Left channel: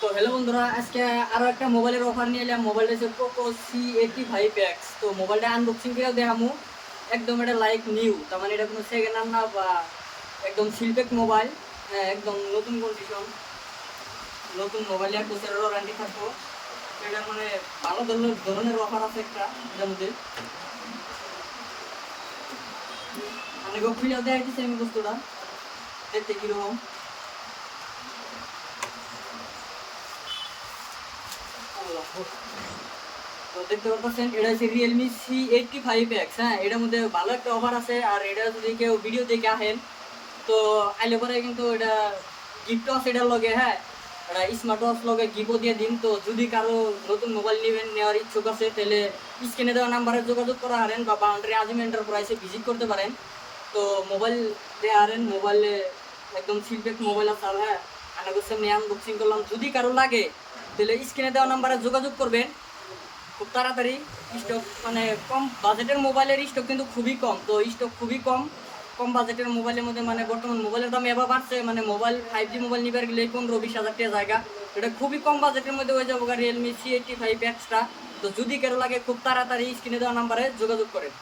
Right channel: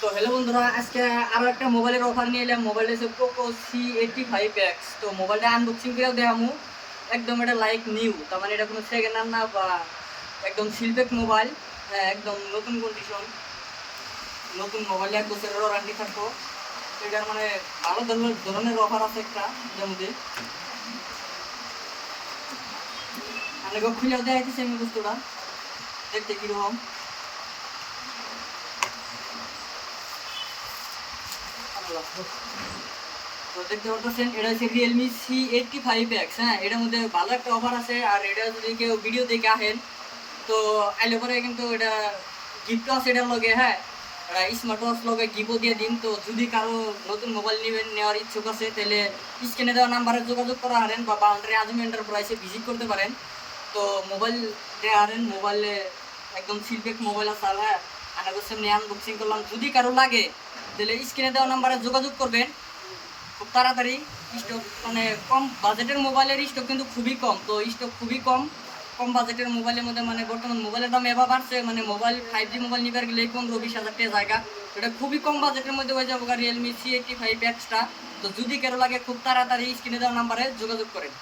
তো হ্যালো বন্ধুরা, আজকে আরো একটা মোবাইলের অফার নিয়ে এলাম। মোবাইলটা হচ্ছে পোকো C85X। তো মোবাইলটা আনবক্সিং করেও দেখামু। একদম এটা লাইক নিউ, তার মানে এটা কোনো সেকেন্ড হ্যান্ড না বা একদম সিলপেক মোবাইল। একদম নতুন কন্ডিশন, নতুন মোবাইল, 1 বছরের ওয়ারেন্টি থাকবো। তো এটার মানে ভালো ধরনের অফার আছে একটা এটার মধ্যে। আপনাকে খুলেও দেখাইতেছি আমি বস্তুটা, দেখতে কিরকম। তো দেখতে পারতেছেন এটা হচ্ছে রিয়েলমি C85X। হ্যাঁ, এটার মধ্যে ভালো একটা অফার আছে। আর এটা যদি কেউ ভিডিও দেখে আহেন তো আইলে পরে কিন্তু এটা গিফটও আছে এটার লগে। হ্যাঁ, এটা স্মার্ট ওয়াচ লগে গিফটও দিয়ে দিন। তো যদি কারো নতুন মোবাইল নেওয়ার ইচ্ছুক আছে তাহলে স্ক্রিনে দেওয়া নাম্বারে যোগাযোগ করা হারেন বা বাউন্ডারি আজম এন্টারপ্রাইজে ভিজিট করতে পারেন। তো মোবাইল দেওয়া হারেন, মোবাইলে একদম সিলপ্যাক মোবাইল আছে। আর হ্যাঁ, আনাগোর সামনে আনবক্সিং করলাম। যদি কারো লাগে তাহলে স্ক্রিনে দেওয়া নাম্বারে যোগাযোগ করবেন খুব তাড়াতাড়ি। স্টক মানে কম বাজেটের মোবাইলের স্টক কিন্তু খুবই কম। তো স্টক খুবই কম, কম বাজেটের মোবাইলের মধ্যে মানে বর্তমান মোবাইলের দাম এবার বাড়ছে। মানে মোবাইল 5G মোবাইল নিবার গেলে 15-20 হাজার টাকা জায়গা। এটা খুবই কম বাজেটের মধ্যে হয়ে যাবো রিয়েলমি C85X টা। তো যদি কারো লাগে খুব তাড়াতাড়ি স্ক্রিনে দেওয়া নাম্বারে যোগাযোগ করেন।